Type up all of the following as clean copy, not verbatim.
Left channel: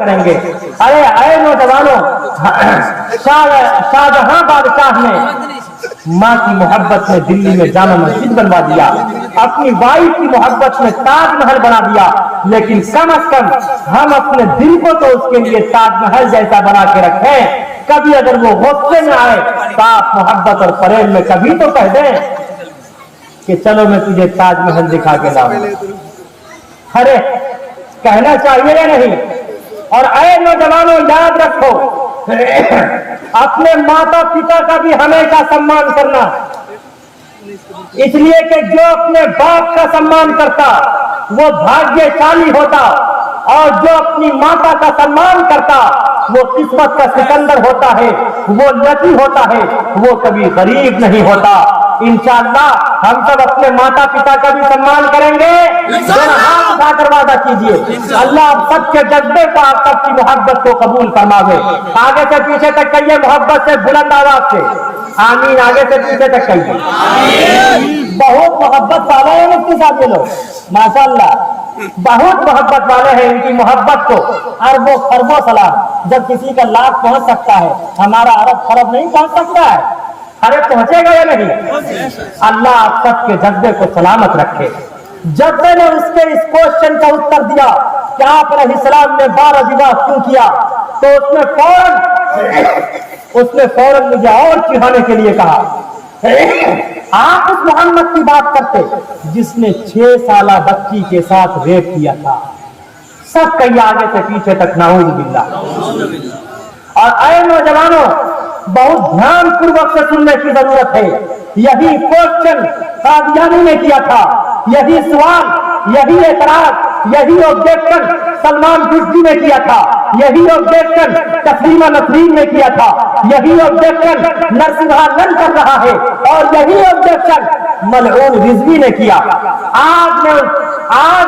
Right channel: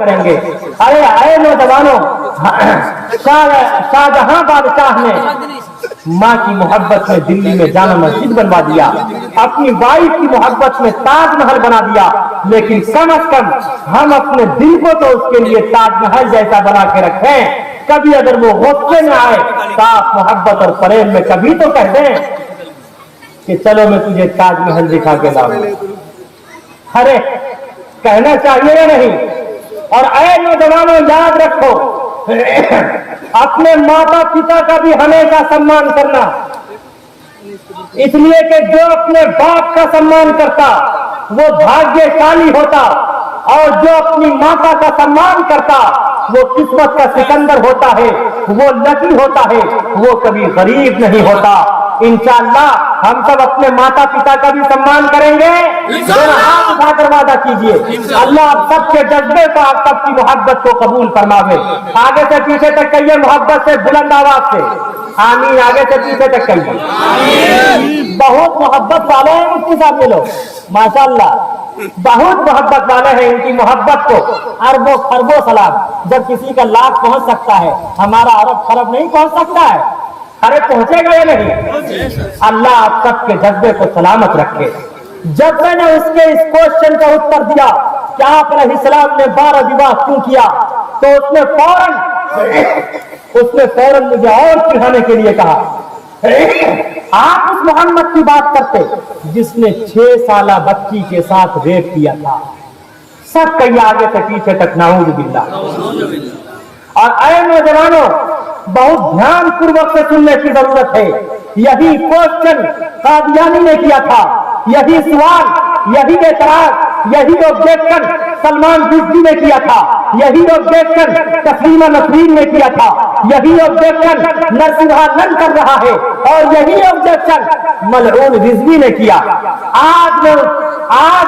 کریں گے. اے نوجوانوں، شاہجہاں بادشاہ نے ماں کی محبت میں دلی میں جامع مسجد بنوا دیا، اپنی وائف کی محبت میں تاج محل بنا دیا، لیکن کم از کم ہم اپنے دل کو تو اس کے لیے تاج محل جیسا بنا کے رکھیں. کبھی اگر وہ غصے میں آئے صاف محبت اور فریب میں کبھی تو کہہ دیں کہ چلو میں تجھے تاج محل دکھا کے لاؤں. ارے کہنا چاہیے یا نہیں؟ اور اے نوجوانوں، یاد رکھو اپنے ماتا پتا کا بھی ہمیشہ سمان کرنا، اس لیے کہ جو اپنے باپ کا سمان کرتا وہ بھاگیشالی ہوتا، اور جو اپنی ماتا کا سمان کرتا وہ قسمت کا سکندر ہوتا ہے، وہ لکی ہوتا ہے، وہ کبھی غریب نہیں ہوتا. انشاءاللہ ہم سب اپنے ماتا پتا کا بھی سمان کریں گے. ہاتھ اٹھا کر وعدہ کیجیے. اللہ آپ سب کے جذبے کو، آپ سب کی محبت کو قبول فرماوے. آگے سے پیچھے تک کہیے محبت سے، بلند آواز سے آمین. آگے سے پیچھے تک کہیے. بہت محبت والے ہیں مفتی صاحب یہ لوگ، ماشاءاللہ بہت محبت والے ہیں. ان کی محبت کو اربوں خربوں سلام. جب کسی کا لاکھ پہنچ سکتا ہے، ہمارا ارب خرب نہیں پہنچ سکتا ہے. ارے پہنچے گا یا نہیں؟ اللہ آپ سب کے جذبے کو سلامت رکھے. جب میں نے اس کے اس کوشچن کا اتر دیا کہ آپ علیہ السلام نے 12 وواہ کیوں کیا، تو اس نے فوراً مجھے اور چڑھانے کے لیے کہا آپ اس محمد کی بات کرتے جس نے 6 سالہ بچی کے ساتھ ریپ کیا تھا. سب کہیں آگے سے پیچھے تک نعوذ باللہ. اور اے نوجوانوں، بہت دھیان پوروک سے سننے کی ضرورت ہے. یہی کوشچن قادیانی نے کیا تھا، یہی سوال، یہی اعتراض، یہی آبجیکشن سلمان رشدی نے کیا تھا، یہی آبجیکشن تسلیمہ نسرین نے کیا تھا، یہی آبجیکشن نرسمہا نن کر رہا ہے، اور یہی آبجیکشن ملعون رضوی نے کیا. آج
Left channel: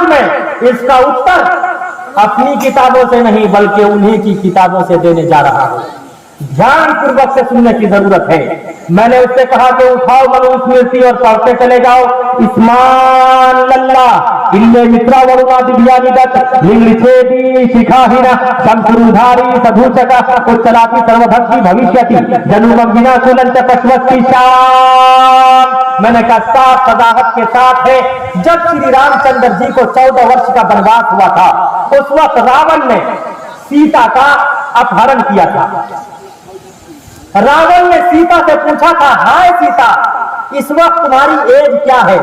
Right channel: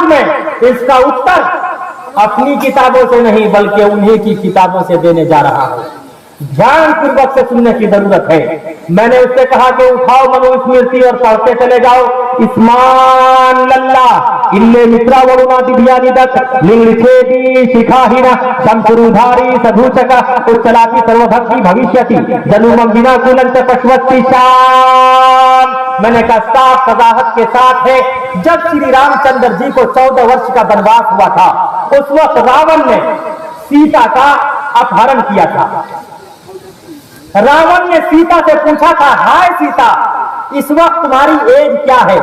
میں اس کا اتر اپنی کتابوں سے نہیں بلکہ انہی کی کتابوں سے دینے جا رہا ہوں. دھیان پوروک سے سننے کی ضرورت ہے. میں نے اس سے کہا کہ اٹھاؤ منوس مرتی اور پڑھتے چلے جاؤ. اسمان للہ illے مترا ورونا دیانی دت نگلچھیدی شکھاہینا شمسرودھاری سدھوچکا اچلاتی سروبھکتی بھوشیتی جنومم ونا سننت پشوتی شام. میں نے کہا صاف وضاحت کے ساتھ ہے. جب شری رام چندر جی کو 14 ورش کا بنواس ہوا تھا، اس وقت راون نے سیتا کا اپہرن کیا تھا. راون نے سیتا سے پوچھا تھا، ہائے سیتا اس وقت تمہاری ایج کیا ہے؟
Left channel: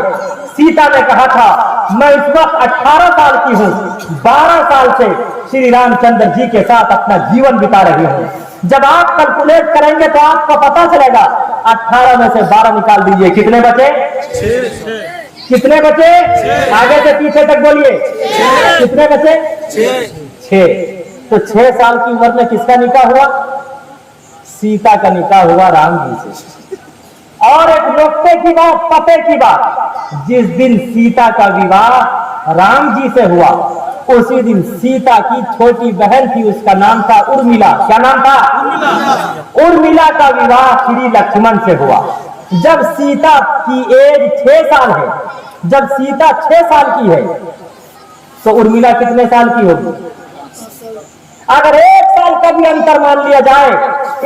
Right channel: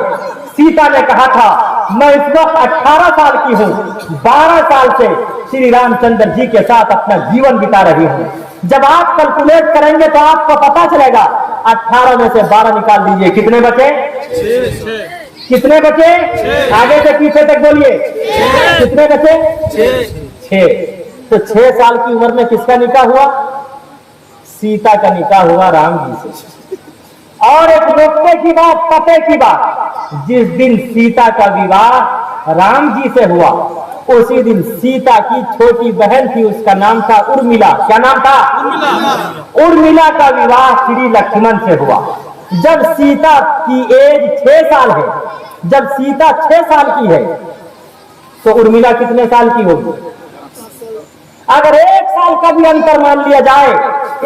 سیتا نے کہا تھا میں اس وقت 18 سال کی ہوں، 12 سال سے شری رام چندر جی کے ساتھ اپنا جیون بتا رہی ہوں. جب آپ کیلکولیٹ کریں گے تو آپ کو پتا چلے گا 18 میں سے 12 نکال دیجئے، کتنے بچے؟ 6. کتنے بچے؟ آگے سے پیچھے تک بولیے. کتنے بچے؟ 6. تو 6 سال کی عمر میں کس کا نکاح ہوا؟ سیتا کا نکاح ہوا رام جی سے. اور ایک نقطے کی بات، پتے کی بات، جس دن سیتا کا وواہ رام جی سے ہوا اسی دن سیتا کی چھوٹی بہن تھی، اس کا نام تھا ارملا. کیا نام تھا؟ ارملا کا وواہ شری لکشمن سے ہوا. جب سیتا کی ایج 6 سال ہے، جب سیتا 6 سال کی ہے تو ارملا کتنے سال کی ہوگی؟ اگر 1 سال کا بھی انتر مان لیا جائے،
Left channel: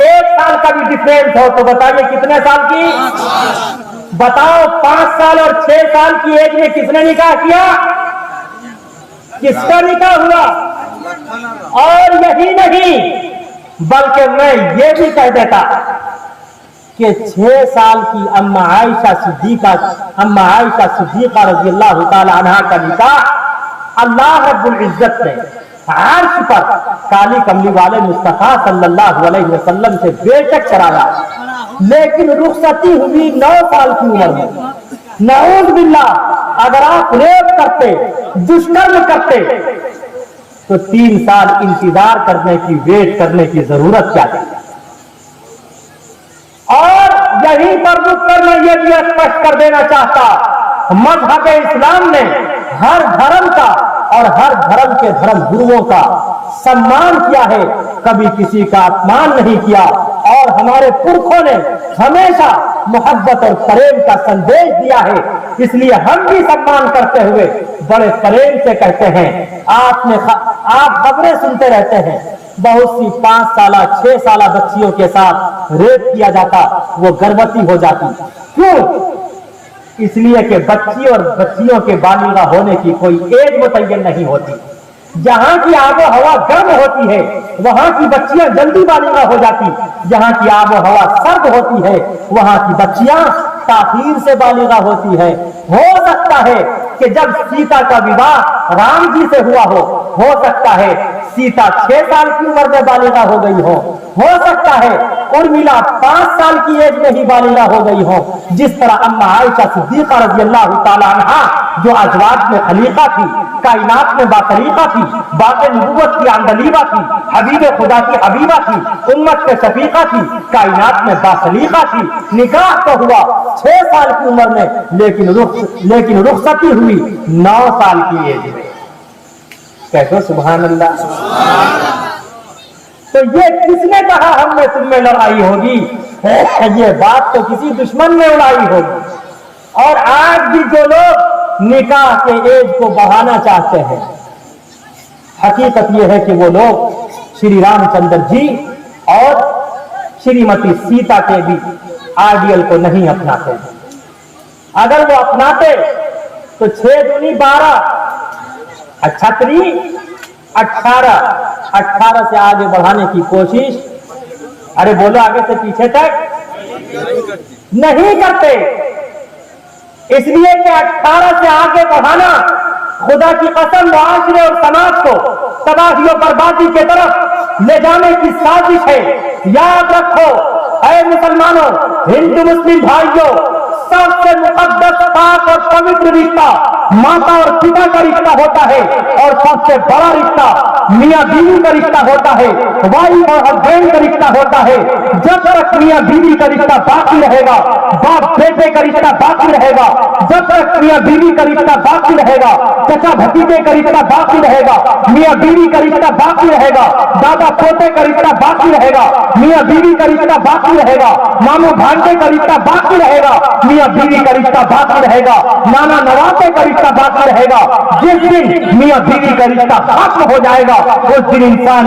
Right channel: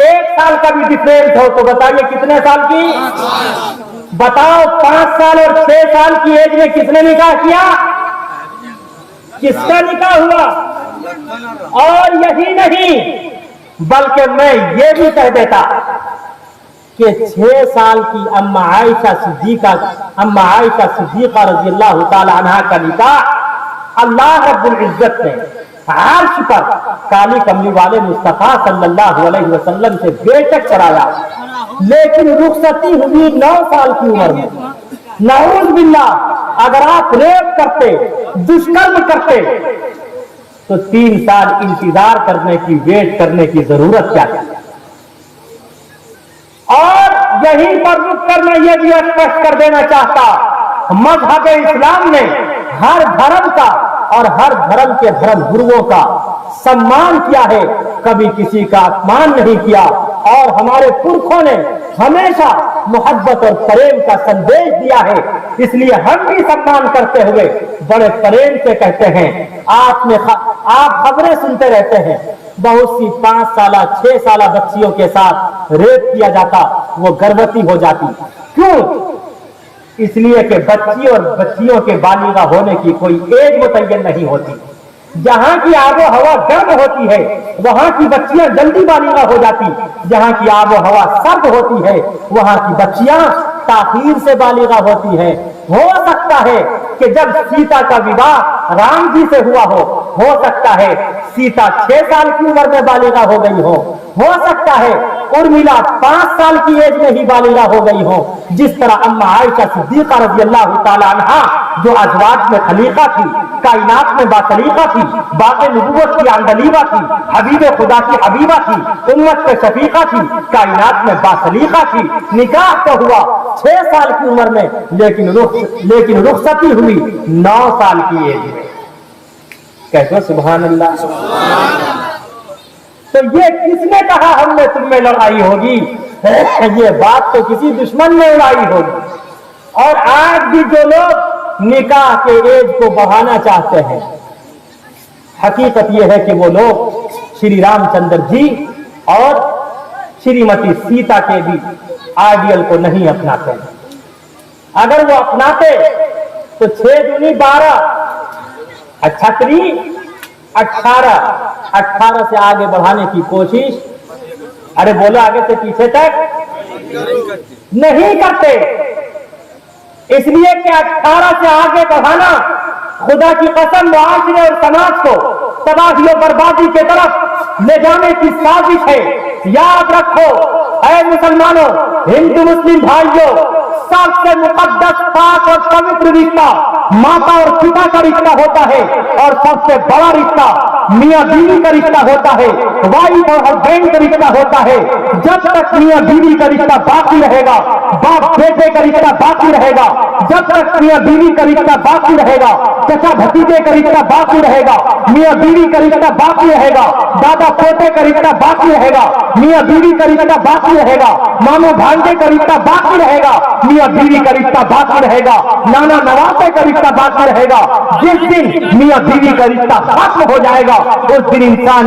1 سال کا بھی ڈفرینس ہو تو بتائیے کتنے سال کی؟ بتاؤ 5 سال اور 6 سال کی ایج میں کس نے نکاح کیا؟ کس کا نکاح ہوا؟ اور یہی نہیں بلکہ میں یہ بھی کہہ دیتا کہ 6 سال کی اما عائشہ صدیقہ رضی اللہ تعالی عنہا کا نکاح اللہ رب العزت نے عرش پر کالی کملی والے مصطفیٰ صلی اللہ علیہ وسلم سے بے شک کرایا، لیکن رخصتی ہوئی 9 سال کی عمر میں. نعوذ باللہ اگر آپ ریپ کرتے، دشمن کرتے تو 3 سال انتظار کرنے کی، ویٹ کرنے کی ضرورت کیا تھی؟ اور یہیں پر رک کر میں یہ بھی اسپشٹ کر دینا چاہتا، مذہب اسلام نے ہر دھرم کا اور ہر دھرم کے دھرم گروؤں کا سمان کیا ہے، کبھی کسی کا اپمان نہیں کیا. اور ہمارے پرکھوں نے ہمیشہ محبت اور प्रेम का संदेश दिया है। इसलिए हम भी सम्मान करते हुए बड़े प्रेम से कहते हैं, आप खबरें सुनते रहते हैं, बहुत सी 5 साल 6 साल बच्चियों के साथ रेप किया जाता, वो गर्भवती हो जाती। क्यों? इसलिए कि बच्ची और बच्चियों के बालिगा होने की कोई एज मुतय्यन नहीं होती। जहां की आबो हवा गर्म होती है वहां की बच्चियां जल्दी बालिगा हो जाती, जहां की आबो हवा सर्द होती है वहां की बच्चियां ताखीर से बालिगा होती है। हो सकता है कि जब सीता का विवाह राम जी से हुआ हो सकता है सीता 6 साल की उम्र में बालिगा हो गई हो सकता है उर्मिला 5 साल की एज में ही बालिगा हो गई हो। जिस तरह अम्मा आयशा सिद्दीका रज़ी अल्लाह ताला अन्हा जो अज़वाज में खलीफा थी, कायनात में बासलीका थी, बाक़े नबुव्वत की अंदलीबा थी, हबीब खुदा की हबीबा थी, उम्मत के शफीका थी, कायनात में बासलीका थी। निकाह तो हुआ 6 साल की उम्र में, लेकिन रुखसती हुई 9 साल की एज में। कहते सुभान अल्लाह। तो ये किसने कहा हम में तुम में लड़ाई होगी? ये बात तो किसी दुश्मन में उड़ाई होगी। और आज भी जो लोग निकाह के एज को बढ़ाना चाहते हैं, हकीकत यह है कि वो लोग श्री रामचंद्र जी और श्रीमती सीता के भी आइडियल को नहीं अपनाते हैं। अगर वो अपनाते तो 6 दूनी 12, 18 से आगे बढ़ाने की कोशिश, अरे बोलो आगे से पीछे तक नहीं करते। इसलिए कि 18 से आगे बढ़ाना खुदा की कसम मुआशरे और समाज को तबाही और बर्बादी के तरफ ले जाने की साजिश है। याद रखो ऐ मुसलमानों, हिंदू मुस्लिम भाइयों, सबसे मुकद्दस पाक और पवित्र रिश्ता माता और पिता का रिश्ता होता है, और सबसे बड़ा रिश्ता मियां बीवी का रिश्ता होता है, वाइफ और हस्बैंड का रिश्ता होता है। जब तक मियां बीवी का रिश्ता बाकी रहेगा, बाप बेटे का रिश्ता बाकी रहेगा, जब तक मियां बीवी का रिश्ता बाकी रहेगा, चचा भतीजे का रिश्ता बाकी रहेगा, मियां बीवी का रिश्ता बाकी रहेगा, दादा पोते का रिश्ता बाकी रहेगा, मियां बीवी का रिश्ता बाकी रहेगा, मामू भांजे का रिश्ता बाकी रहेगा, मियां बीवी का रिश्ता बाकी रहेगा, नाना नवासे का रिश्ता बाकी रहेगा। जिस दिन मियां बीवी का रिश्ता खत्म हो जाएगा उस दिन इंसान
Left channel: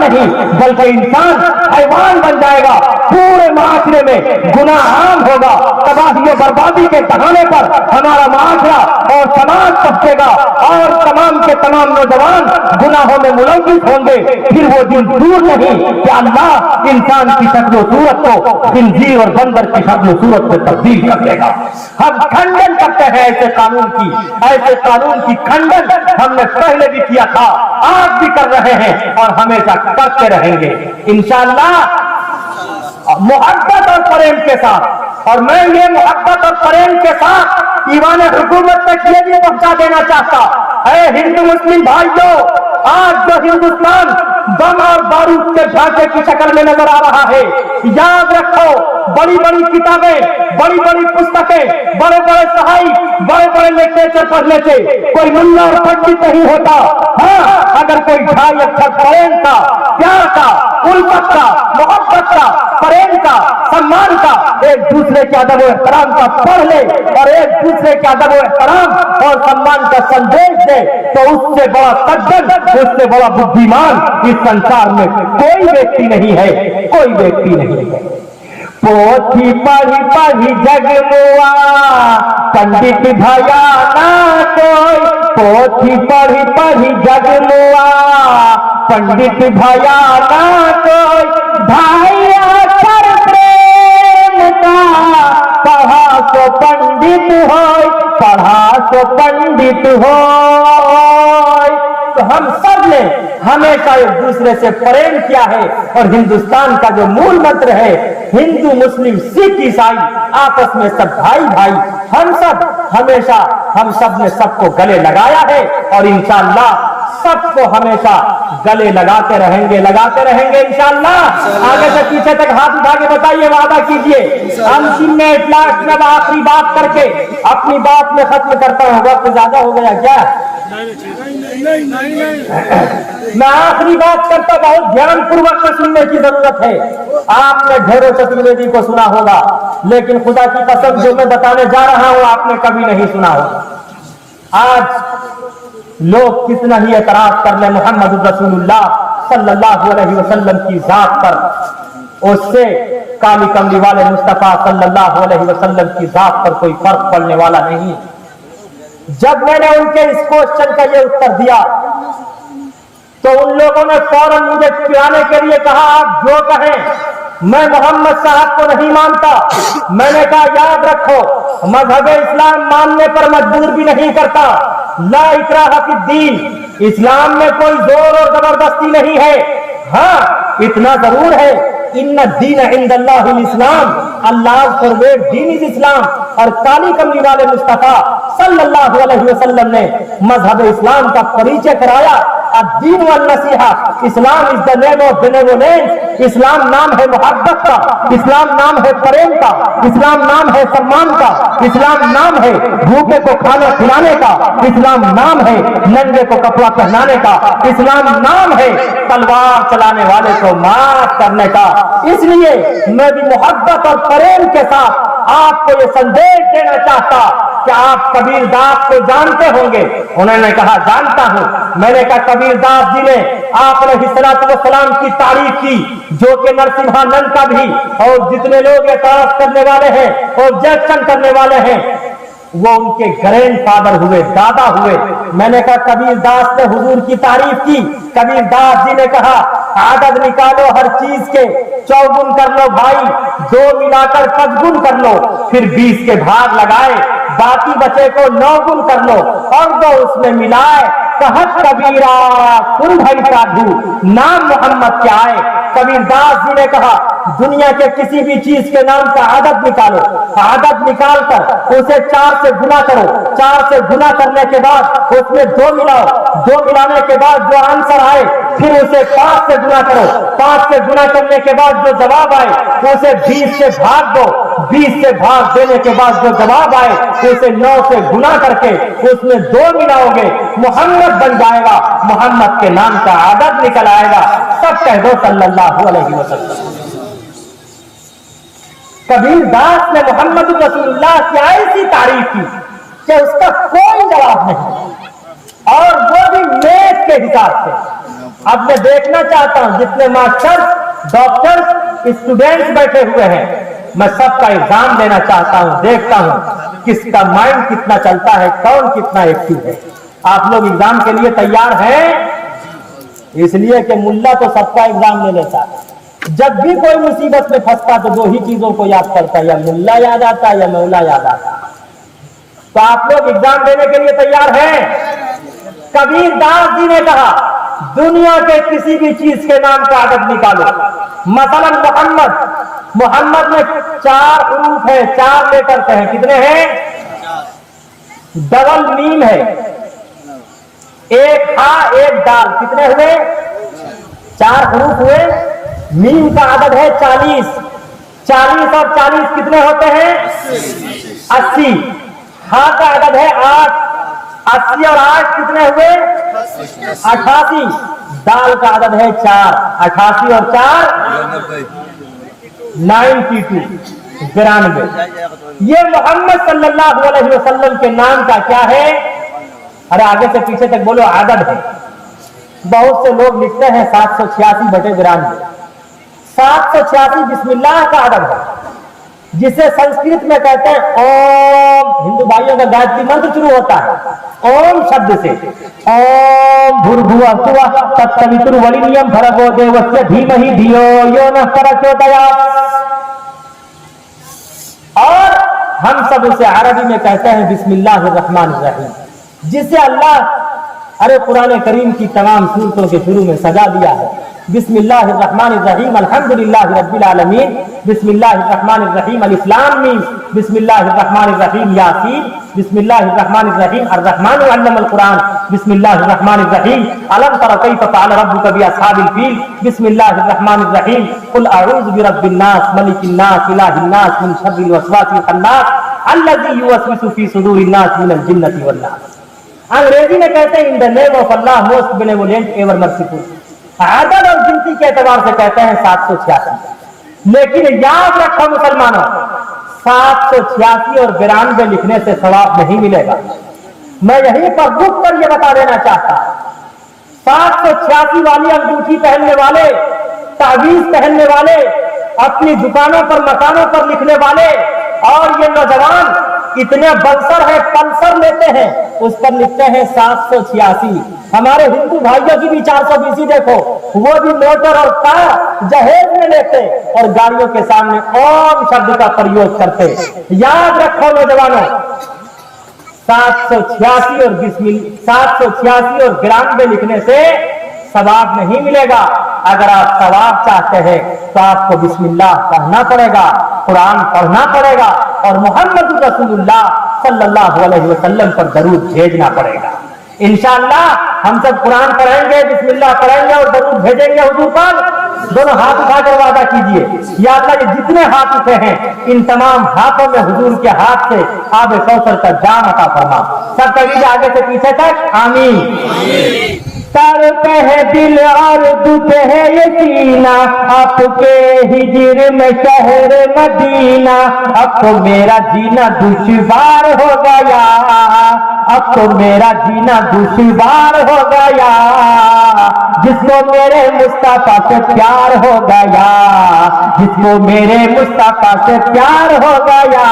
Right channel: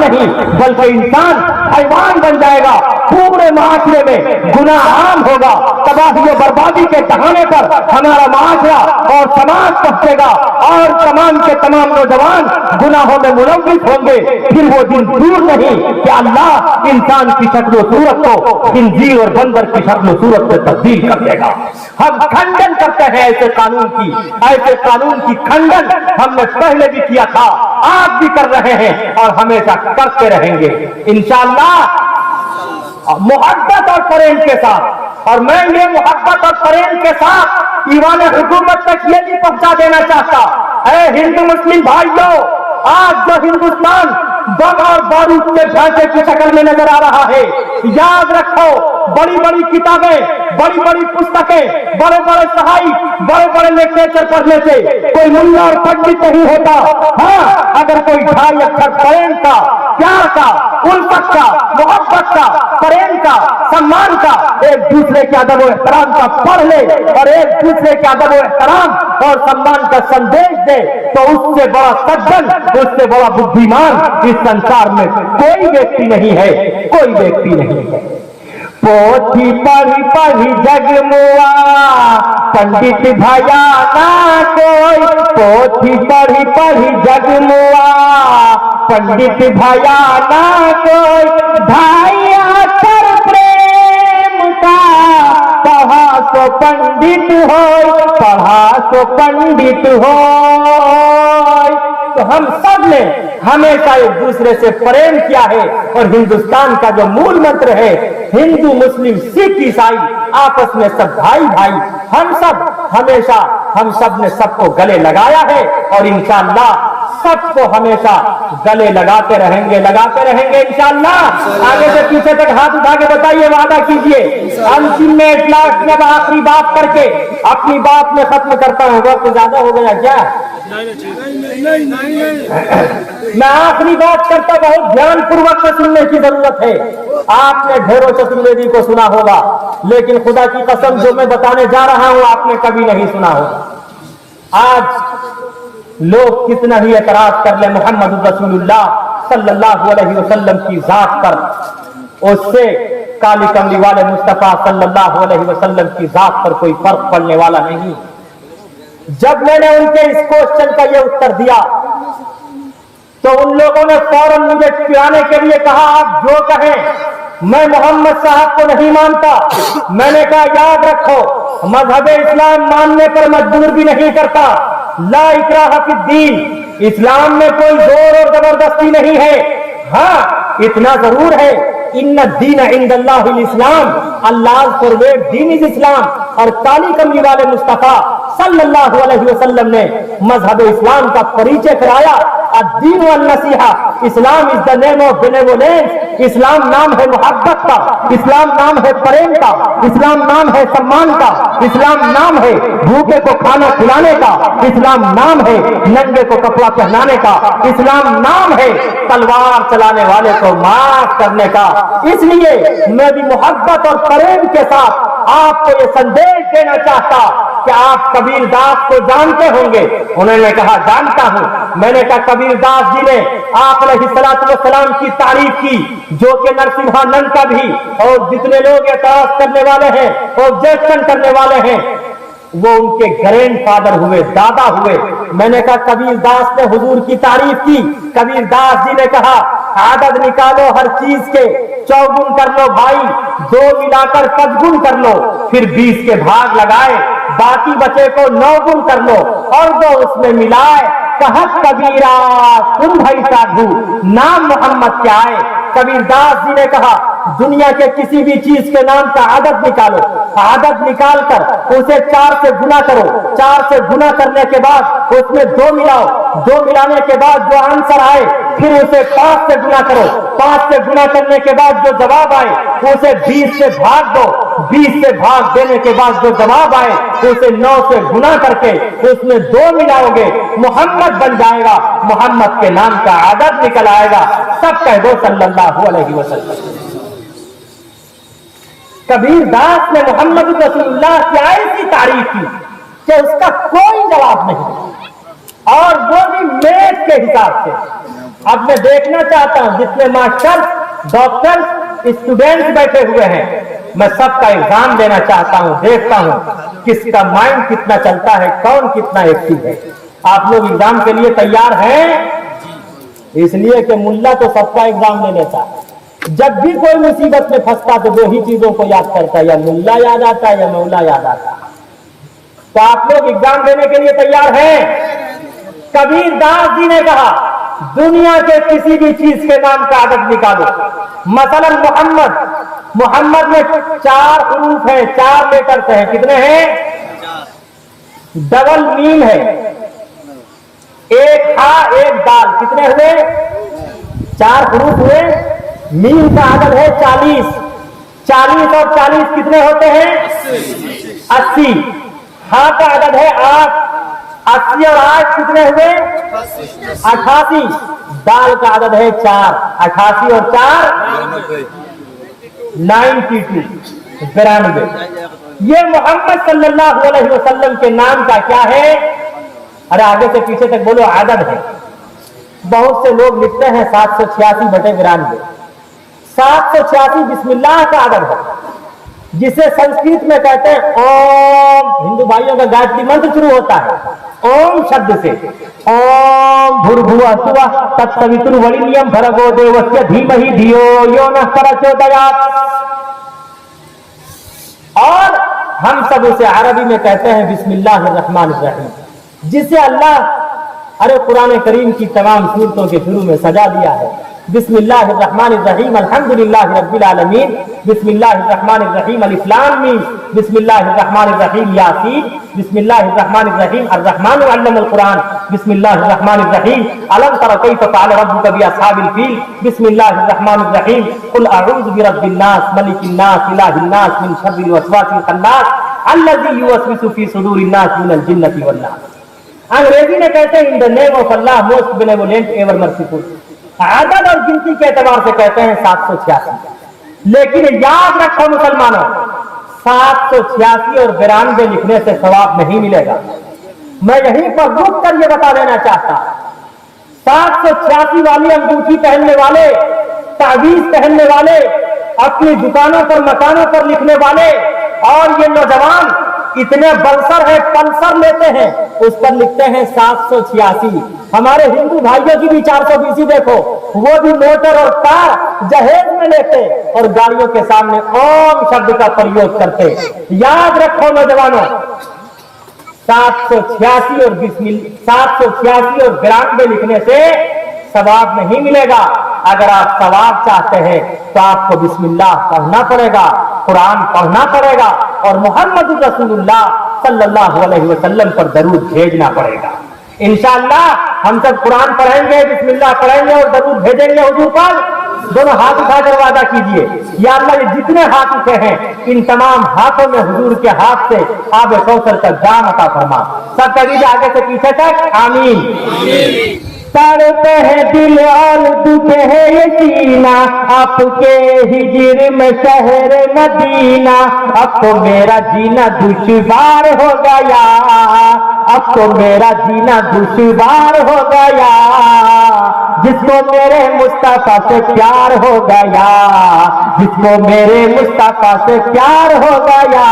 नहीं बल्कि इंसान हैवान बन जाएगा। पूरे माशरे में गुनाह आम होगा। तबाही और बर्बादी के ठिकाने पर हमारा माशरा और समाज पहुंचेगा और तमाम के तमाम नौजवान गुनाहों में मुलव्विस होंगे। फिर वो दिन दूर नहीं कि अल्लाह इंसान की शक्ल सूरत को खिंजीर और बंदर की शक्ल सूरत में तब्दील कर देगा। हम खंडन करते हैं ऐसे कानून की खंडन हमने पहले भी किया था, आज भी कर रहे हैं और हमेशा करते रहेंगे इंशाअल्लाह, मोहब्बत और प्रेम के साथ। और मैं ये मोहब्बत और प्रेम के साथ ईवान हुकूमत तक ये भी पहुंचा देना चाहता, अरे हिंदू मुस्लिम भाइयों, आज जो हिंदुस्तान दम और बारूद के ढांचे की शक्ल में नजर आ रहा है, याद रखो बड़ी बड़ी किताबें, बड़ी बड़ी पुस्तकें, बड़े बड़े सहाई, बड़े बड़े लिटरेचर पढ़ने से कोई मुल्ला और पंडित नहीं होता। हाँ, अगर कोई 2.5 अक्षर प्रेम का, प्यार का, उल्फत का, मोहब्बत का, प्रेम का, सम्मान का, एक दूसरे के अदब और एहतराम का पढ़ ले और एक दूसरे के अदब और एहतराम और सम्मान का संदेश दे, तो उससे बड़ा सज्जन, उससे बड़ा बुद्धिमान इस संसार में कोई व्यक्ति नहीं है, कोई व्यक्ति नहीं है। पोथी पढ़ी पढ़ी जगमुआ पंडित भया ना कोई, पोथी पढ़ी पढ़ी जगमुआ पंडित भया ना कोई, भाई अक्षर प्रेम का पढ़ा तो पंडित हो, पढ़ा तो पंडित हो। तो हम सब ने हमेशा एक दूसरे से प्रेम किया है और हिंदुस्तान का जो मूल मंत्र है, हिंदू मुस्लिम सिख ईसाई आपस में सब भाई भाई, हम सब हमेशा हम सब ने सबको गले लगाया है और इंशाअल्लाह सबको हमेशा गले लगाते रहेंगे इंशाअल्लाह। आगे से पीछे तक हाथ उठा के बताइए, वादा कीजिए। अंतिम में इखलास में आखिरी बात करके अपनी बात में खत्म करता हूँ। वक्त ज्यादा हो गया क्या? मैं आखिरी बात करता, बहुत ध्यान पूर्वक से सुनने की जरूरत है। आपने ढेरों चतुर्वेदी को सुना होगा, लेकिन खुदा की कसम जो मैं बताने जा रहा हूं आपने कभी नहीं सुना होगा। आज लोग कितना ही एतराज कर ले मोहम्मद रसूलुल्लाह सल्लल्लाहु अलैहि वसल्लम की जात पर, उससे काली कमली वाले मुस्तफा सल्लल्लाहु अलैहि वसल्लम की जात पर कोई फर्क पड़ने वाला नहीं। जब मैंने उनके इस क्वेश्चन का ये उत्तर दिया तो उन लोगों ने फौरन मुझे पिलाने के लिए कहा, आप जो कहें, मैं मोहम्मद साहब को नहीं मानता। मैंने कहा याद रखो, मजहब इस्लाम मानने पर मजबूर भी नहीं करता। ला इकराह फिद्दीन, इस्लाम में कोई जोर और जबरदस्ती नहीं है। हाँ, इतना जरूर है, इन्ना दीन इंदल्लाहिल इस्लाम, अल्लाह फॉरवर्ड दीन इज इस्लाम। और काली कमली वाले मुस्तफा सल्लल्लाहु अलैहि वसल्लम ने मजहब इस्लाम का परिचय कराया। अद्दीन वल नसीहा, Islam is the name of benevolence. इस्लाम नाम है मोहब्बत का, इस्लाम नाम है प्रेम का, इस्लाम नाम है सम्मान का, इस्लाम नाम है भूखे को खाना खिलाने का, इस्लाम नाम है नंगे को कपड़ा पहनाने का, इस्लाम नाम है तलवार चलाने वाले को माफ करने का। इसलिए मैं भी मोहब्बत और प्रेम के साथ आपको ये संदेश देना चाहता कि आप कबीर दास को जानते होंगे। उन्होंने कहा जानता हूं। मैंने कहा कबीर दास जी ने आप अलैहिस्सलातु वस्सलाम की तारीफ की, जो कि नरसिम्हानंद का भी और जितने लोग एतराज करने वाले हैं, ऑब्जेक्शन करने वाले हैं, वो उनके ग्रैंड फादर हुए, दादा हुए। मैंने कहा कबीर दास ने हुजूर की तारीफ की। कबीर दास जी ने कहा आदद निकालो हर चीज के, 4 गुण कर लो भाई, 2 मिलाकर 5 गुण कर लो, फिर 20 के भाग लगाए, बाकी बचे को 9 गुण कर लो और वो उसमें मिलाए। कहा कबीरा सुन भाई साधु, नाम मोहम्मद क्या है। कबीर दास जी ने कहा दुनिया के किसी भी चीज के नाम का आदत निकालो, आदत निकालकर उसे 4 से गुना करो, 4 से गुना करने के बाद उसमें 2 मिलाओ, 2 मिलाने के बाद जो आंसर आए फिर उसे 5 से गुना करो, 5 से गुना करने के बाद जो जवाब आए उसे 20 से भाग दो, 20 से भाग देने के बाद जो जवाब आए उसे 9 से गुना करके उसमें 2 मिलाओगे, मोहम्मद बन जाएगा, मोहम्मद के नाम का आदत निकल आएगा। सब कह दो सल्लल्लाहु अलैहि वसल्लम। कबीर दास ने मोहम्मद रसूलुल्लाह की ऐसी तारीफ की कि उसका कोई जवाब नहीं, और वो भी मैथ के हिसाब से। अब मैं देखना चाहता हूं जितने मास्टर, डॉक्टर, स्टूडेंट्स बैठे हुए हैं, मैं सबका एग्जाम देना चाहता हूं, देखता हूं किसका माइंड कितना चलता है, कौन कितना एक्टिव है। आप लोग एग्जाम के लिए तैयार हैं? इसलिए कि मुल्ला तो सबका एग्जाम ले लेता है, जब भी कोई मुसीबत में फंसता तो 2 ही चीजों को याद करता है, या मुल्ला याद आता है या मौला याद आता है। तो आप लोग एग्जाम देने के लिए तैयार हैं? कबीर दास जी ने कहा दुनिया के किसी भी चीज के नाम का आदत निकालो। मसलन मोहम्मद में 4 हरूफ है, 4 लेटर्स हैं। कितने हैं? डबल मीम है, 1 हा 1 दाल, कितने हुए? 4 हरूफ हुए। मीम का आदद है 40, 40 और 40 कितने होते हैं? 80। हा का आदद है 8, 80 और 8 कितने हुए? 88। दाल का आदद है 4, 88 और 4 92, 92। ये मोहम्मद सल्लल्लाहु अलैहि वसल्लम के नाम का क्या है? अरे आगे से पीछे तक बोलो, आदद है। बहुत से लोग लिखते हैं 786/92। 786 बिस्मिल्लाह का आदद है, जिसे संस्कृत में कहते हैं ओम। हिंदू भाइयों का गायत्री मंत्र शुरू होता है ओम शब्द से। ओम भूर्भुवः स्वः तत्सवितुर्वरेण्यं भर्गो देवस्य धीमहि धियो यो नः प्रचोदयात्। और हम सब उसे अरबी में कहते हैं बिस्मिल्लाहिर्रहमानिर्रहीम, जिसे अल्लाह अरे कुरान करीम की तमाम सूरतों के शुरू में सजा दिया है। बिस्मिल्लाहिर्रहमानिर्रहीम अल्हम्दुलिल्लाहि रब्बिल आलमीन, बिस्मिल्लाहिर्रहमानिर्रहीम अलिफ लाम मीम, बिस्मिल्लाहिर्रहमानिर्रहीम यासीन, बिस्मिल्लाहिर्रहमानिर्रहीम अर्रहमानु अल्लमल कुरान, बिस्मिल्लाहिर्रहमानिर्रहीम अलम तरा कैफ़ फ़अल रब्बुका बिअस्हाबिल फील, बिस्मिल्लाहिर्रहमानिर्रहीम कुल अऊज़ु बिरब्बिन नास मलिकिन नास इलाहिन नास मिन शर्रिल वसवासिल खन्नास अल्लज़ी युवस्विसु फ़ी सुदूरिन नास मिनल जिन्नति वन नास। अंग्रेजी में कहते हैं in the name of Allah most benevolent ever merciful. आदत और गिनती के एतबार से कहते हैं 786, लेकिन याद रखो मुसलमानों, 786 और 92 लिखने से सवाब नहीं मिलेगा। मैं यहीं पर रुक कर यह बता देना चाहता, 786 वाली अंगूठी पहनने वाले, तावीज पहनने वाले, अपनी दुकानों पर मकानों पर लिखने वाले, और ये नौजवान इतने बंसर है, पल्सर लेते हैं, उस पर लिखते हैं 786। हमारे हिंदू भाइयों की भी 420 देखो, वो भी मोटर और कार जहेज में लेते और गाड़ियों के सामने ओम शब्द का प्रयोग करते। याद रखो नौजवानों, 786 और 92 लिखने से सवाब नहीं मिलेगा। अगर आप सवाब चाहते हैं तो आपको बिस्मिल्लाह पढ़ना पड़ेगा, कुरान पढ़ना पड़ेगा और मोहम्मद रसूलुल्लाह सल्लल्लाहु अलैहि वसल्लम पर दरूद भेजना पड़ेगा। इंशाअल्लाह हम सब कुरान पढ़ेंगे, बिस्मिल्लाह पढ़ेंगे और दरूद भेजेंगे हुजूर पर। दोनों हाथ उठाकर वादा कीजिए, या अल्लाह ये जितने हाथ उठे हैं इन तमाम हाथों में हुजूर के हाथ से आबे कौसर का जाम अता फरमा। सब कभी आगे से पीछे तक आमीन। तड़पे है दिल और दुखे है यकीना, आपके हिजर में शहर मदीना, अब तो मेरा जीना दुश्वार हो गया, अब तो मेरा जीना दुश्वार हो गया, जिसको मेरे मुस्तफा से प्यार हो गया, जिसको मेरे मुस्तफा से प्यार हो गया,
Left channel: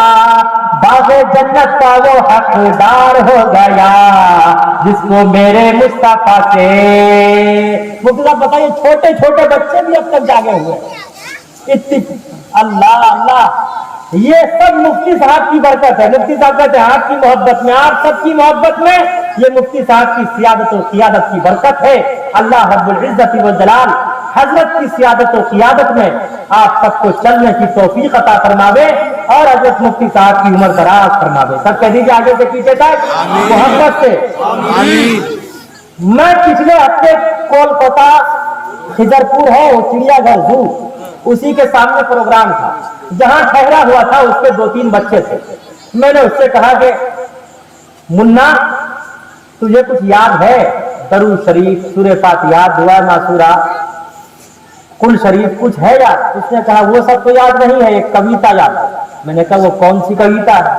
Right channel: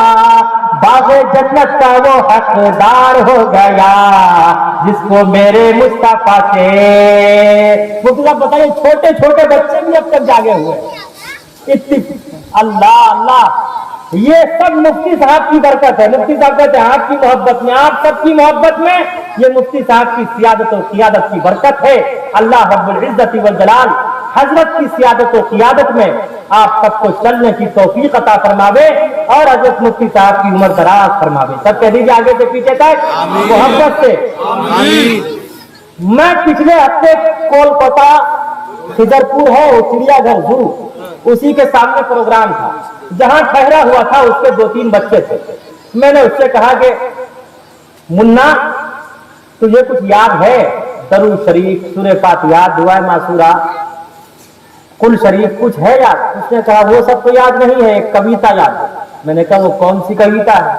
बाग़े जन्नत का वो हकदार हो गया, जिसको मेरे मुस्तफा से। मतलब बताइए, छोटे छोटे बच्चे भी अब तक जागे हुए, अल्लाह अल्लाह, ये सब मुफ्ती साहब की बरकत है। मुफ्ती साहब कहते हैं आपकी मोहब्बत में, आप सबकी मोहब्बत में, ये मुफ्ती साहब की सियादत और क़ियादत की बरकत है। अल्लाह रब्बुल इज्जत वल जलाल हजरत की सियादत और क़ियादत में आप सबको चलने की तौफीक अता फरमावे और हजरत मुफ्ती साहब की उम्र दराज फरमावे। सब कह दीजिए आगे से पीछे तक मोहब्बत से आमीन। मैं पिछले हफ्ते कोलकाता खिजरपुर है वो चिड़ियाघर जू, उसी के सामने प्रोग्राम था, जहां ठहरा हुआ था उसके 2-3 बच्चे थे। मैंने उससे कहा कि मुन्ना तुझे कुछ याद है, दरूद शरीफ, सूरह फातिहा, दुआ मासूरा, कुल शरीफ कुछ है याद? उसने कहा वो सब तो याद नहीं है, एक कविता याद है। मैंने कहा वो कौन सी कविता है?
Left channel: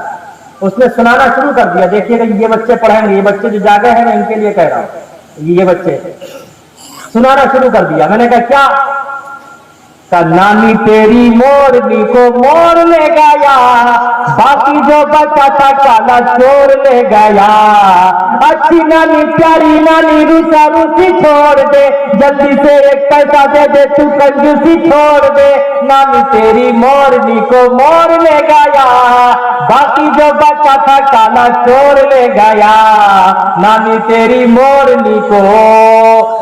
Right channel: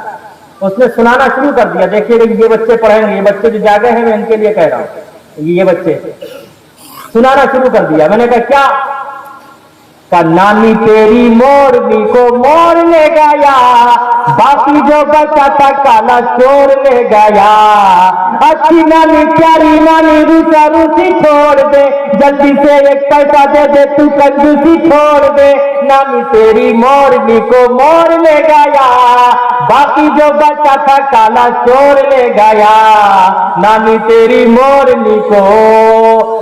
उसने सुनाना शुरू कर दिया। देखिए ये बच्चे पढ़ेंगे, ये बच्चे जो जागे हैं मैं इनके लिए कह रहा हूँ, ये बच्चे सुनाना शुरू कर दिया। मैंने कहा क्या? का नानी तेरी मोरनी को मोर ले गया, बाकी जो बचा था काला चोर ले गया, अच्छी नानी प्यारी नानी रूसा रूसी छोड़ दे, जल्दी से एक पैसा दे दे तू कंजूसी छोड़ दे, नानी तेरी मोरनी को मोर ले गया, बाकी जो बचा था काला चोर ले गया, नानी तेरी मोरनी को।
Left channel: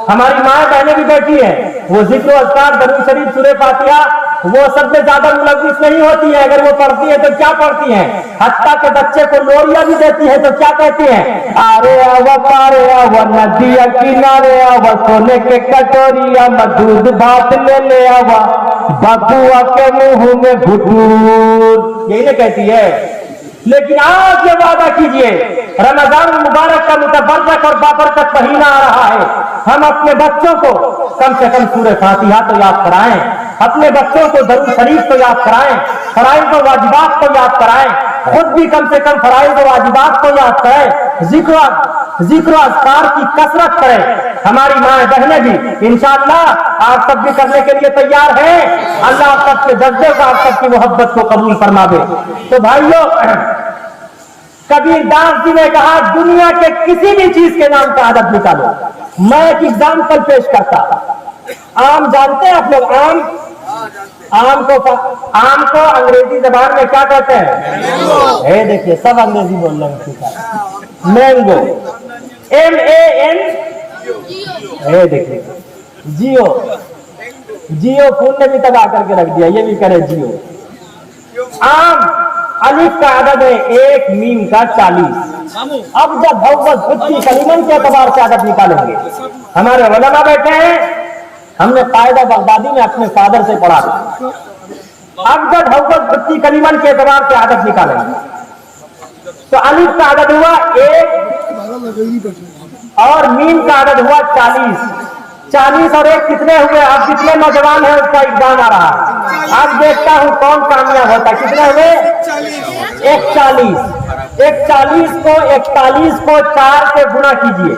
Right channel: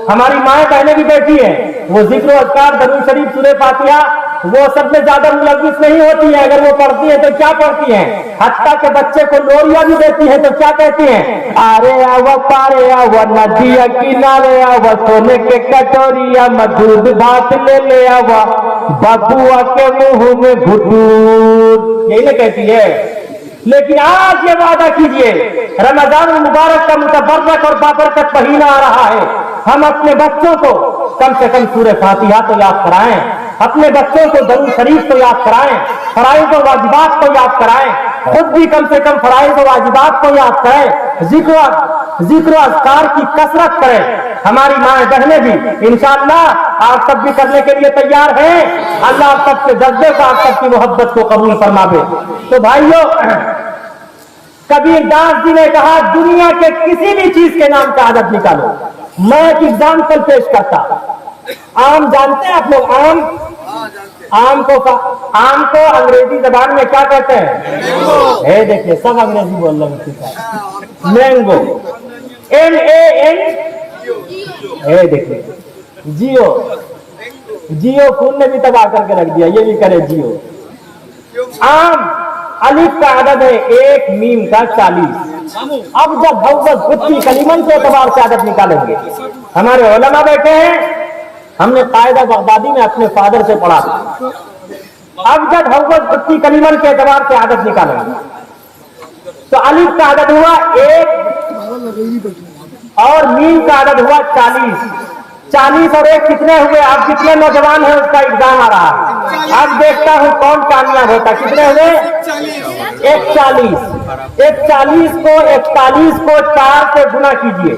हमारी माएं बहनें भी बैठी है, वो जिक्र अज़कार दरूद शरीफ सूरह फातिहा वो सब में ज्यादा मुलव्विस नहीं होती है। अगर वो पढ़ती है तो क्या पढ़ती है? हत्ता के बच्चे को लोरिया भी देती है तो क्या कहती है? आरे आवा पारे आवा नदिया किनारे आवा, सोने के कटोरिया में दूध भात ले आवा, बबुआ के मुंह में घुटूर, यही ना कहती है। लेकिन आज ये वादा कीजिए, रमजान मुबारक का मुतबर्रक और बाबरकत महीना आ रहा है, हम अपने बच्चों को कम से कम सूरह फातिहा तो याद कराएं, अपने बच्चों को दरूद शरीफ तो याद कराएं, फराइज़ और वाजिबात को याद कराएं, खुद भी कम से कम फराइज़ और वाजिबात को याद करें, जिक्र अज़कार की कसरत करें। हमारी माएं बहनें भी इंशाअल्लाह आप सब भी करने के लिए तैयार हैं। अल्लाह आप सबके जज्बे को, आप सबकी मोहब्बत को कबूल फरमावे। तो भाइयों, कबीर दास जी ने कहा दुनिया के किसी भी चीज के नाम का आदत निकालो। मैं एक एग्जाम्पल पेश करता। आम जानते हैं आप लोग? आम को अंग्रेजी जबान में क्या कहते हैं? देखिए सब अंग्रेजी बोल रहे हैं। मैंगो, MAN, देखिए जियो फोन ने भी तबाह करके रख दिया, ये भी करे जियो। आम अलिफ का आदद है 1, मीम का 40। अब जब भगवत बुद्धि कलीमन के एतबार से आदत निकालेंगे, हमारे उलमा बैठे हैं, हमने कायदा बगदादी में अपने फादर से पढ़ा था। अब जब भगवत बुद्धि कलीमन के एतबार से आदत निकालेंगे तो अलिफ का आदद हुआ 1, اور میم کا عدد ہوا 40. 40 اور 1 کتنے ہوئے؟ اب کتنے نوجوان ہیں اس کا ایگزام آ رہا ہے. اب دیکھتا ہوں کون کامیاب ہوتا. کتنے ہوئے؟ 41. 41 کو 41 کو 4 سے گنا کیجئے.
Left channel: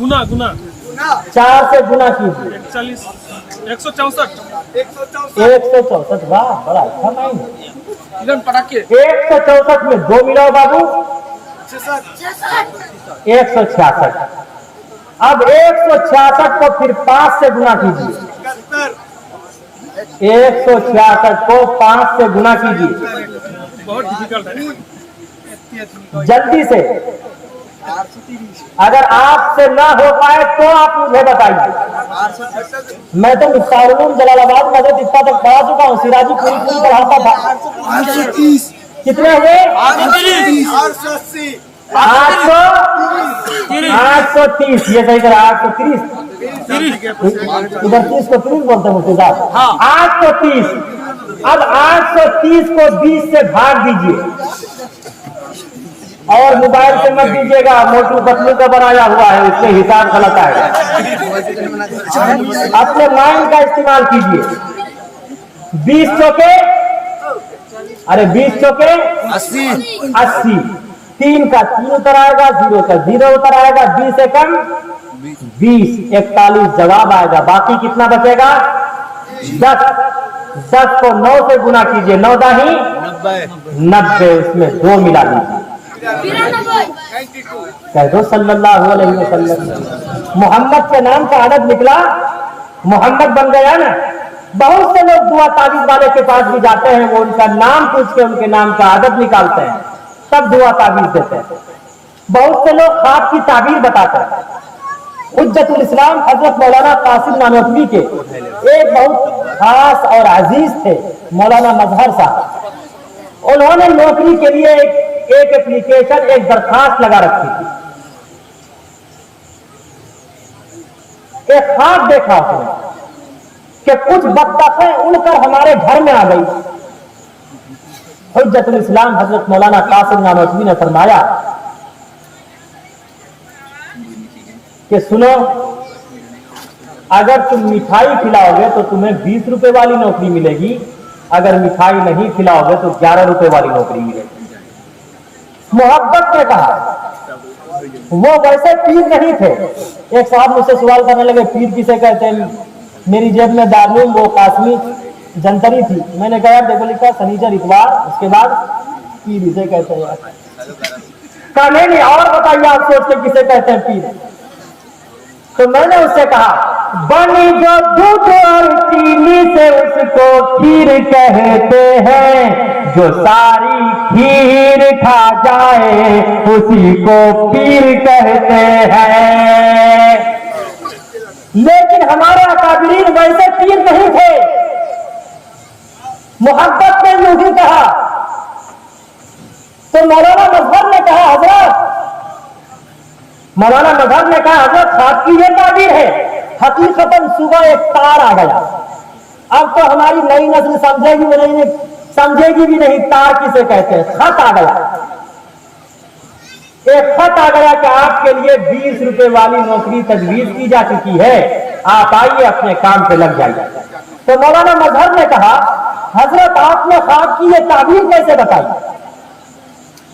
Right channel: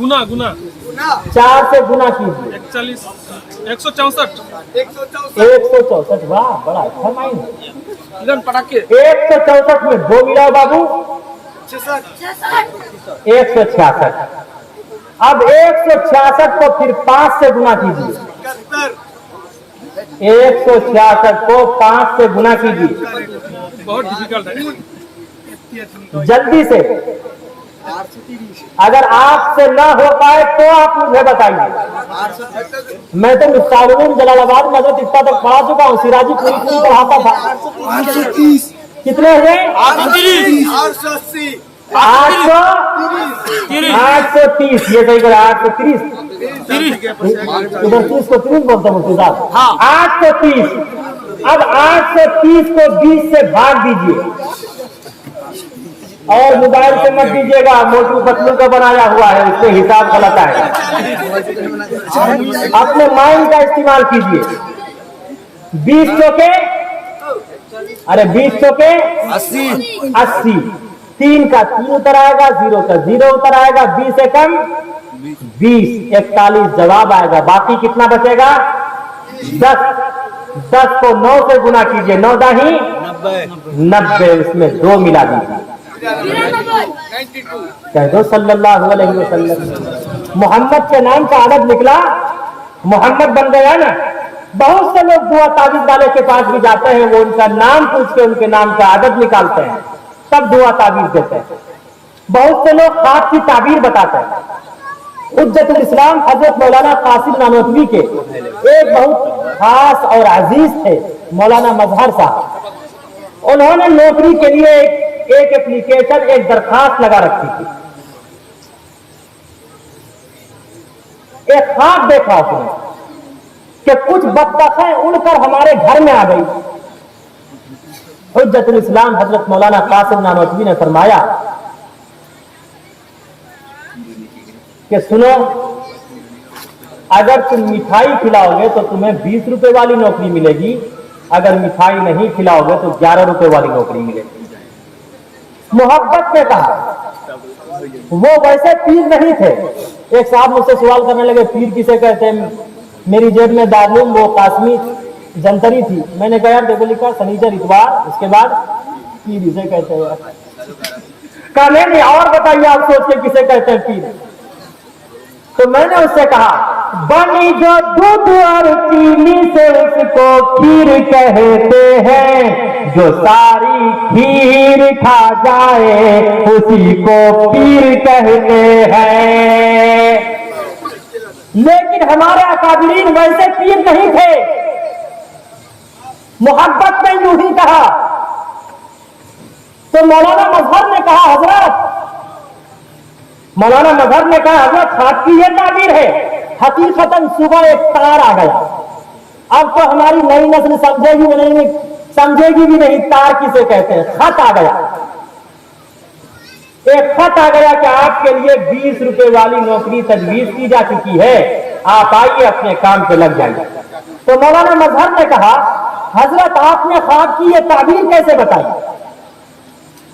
گنا گنا 4 سے گنا کیجئے. 164. 164. واہ بڑا اچھا مائنڈ. 164 میں 2 ملاؤ بابو. 166. اب 166 کو پھر 5 سے گنا کیجیے. 166 کو 5 سے گنا کیجیے بہت ڈیفیکلٹ ہے. جلدی سے. اگر آپ سے نہ ہو پائے تو آپ مجھے بتائیے. میں تو مفتاح العلوم جلال آباد میں اتنا تک پڑھا چکا ہوں. سراجی پوری پڑھاتا تھا. 830. کتنے ہوئے؟ 880. 830. یہ صحیح کرا. 830. ادھر 30 کو 30 بولتا ہوں صاحب. 830. اب 830 کو 20 سے بھاگ دیجیے. اور موبائل سے مت دیجیے گا. موٹو پتلو کا بنایا ہوا ہے, اس سے حساب غلط آئے گا. اپنے مائنڈ کا استعمال کیجیے. 20 چوکے 20 چوکے 80. 3 کا 3 اتر آئے گا, 0 کا 0 اتر آئے گا. 20 سے کم 20. 41 جواب آئے گا. باقی کتنا بچے گا؟ 10. 10 کو 9 سے گنا کیجئے. 9 داہی 90. اس میں 2 ملا دیجیے. کہہ دو صلی اللہ علیہ وسلم. محمد کے نام کا عدد نکلا, محمد بن گیا نا. بہت سے لوگ دعا تعویذ والے کے پاس بھی جاتے ہیں, وہ ان کا نام پوچھ کے ان کے نام کا عدد نکالتے ہیں, تب دعا تعبیر دیتے ہیں. بہت سے لوگ خواب کی تعبیر بتاتے ہیں. حجت الاسلام حضرت مولانا قاسم نانوتوی کے ایک بہت خاص اور عزیز تھے مولانا مظہر صاحب. انہوں نے نوکری کے لیے ایک اپلیکیشن, ایک درخواست لگا رکھی تھی. ایک خواب دیکھا اس نے کہ کچھ بطخیں اڑ کر ہمارے گھر میں آ گئی. حجت الاسلام حضرت مولانا قاسم نانوتوی نے فرمایا کہ سنو, اگر تم مٹھائی کھلاؤ گے تو تمہیں 20 روپے والی نوکری ملے گی, اگر مٹھائی نہیں کھلاؤ گے تو 11 روپے والی نوکری ملے گی. محبت نے کہا. وہ ویسے پیر نہیں تھے. ایک صاحب مجھ سے سوال کرنے لگے پیر کسے کہتے ہیں. میری جیب میں دارالعلوم وہ قاسمی جنتری تھی. میں نے کہا یار دیکھو لکھا سنیچر اتوار, اس کے بعد پیر اسے کہتے ہیں. کہا نہیں اور بتائیے آپ سوچ کے کسے کہتے ہیں پیر. تو میں نے اس سے کہا بنی جو دودھ اور چینی سے اس کو کھیر کہتے ہیں, جو ساری کھیر کھا جائے اسی کو پیر کہتے ہیں. لیکن ہمارے اکابرین ویسے پیر نہیں تھے. محبت نے یوں ہی کہا. تو مولانا مظہر نے کہا حضرت خواب کی یہ تعبیر ہے. حقیقتاً صبح ایک تار آ گیا. اب تو ہماری نئی نسل سمجھے گی بھی نہیں, سمجھے گی بھی نہیں تار کسے کہتے ہیں. خط آ گیا, ایک خط آ گیا کہ آپ کے لیے 20 روپے والی نوکری تجویز کی جا چکی ہے, آپ آئیے اپنے کام پہ لگ جائیے. تو مولانا مظہر نے کہا حضرت آپ نے خواب کی یہ تعبیر کیسے بتائی؟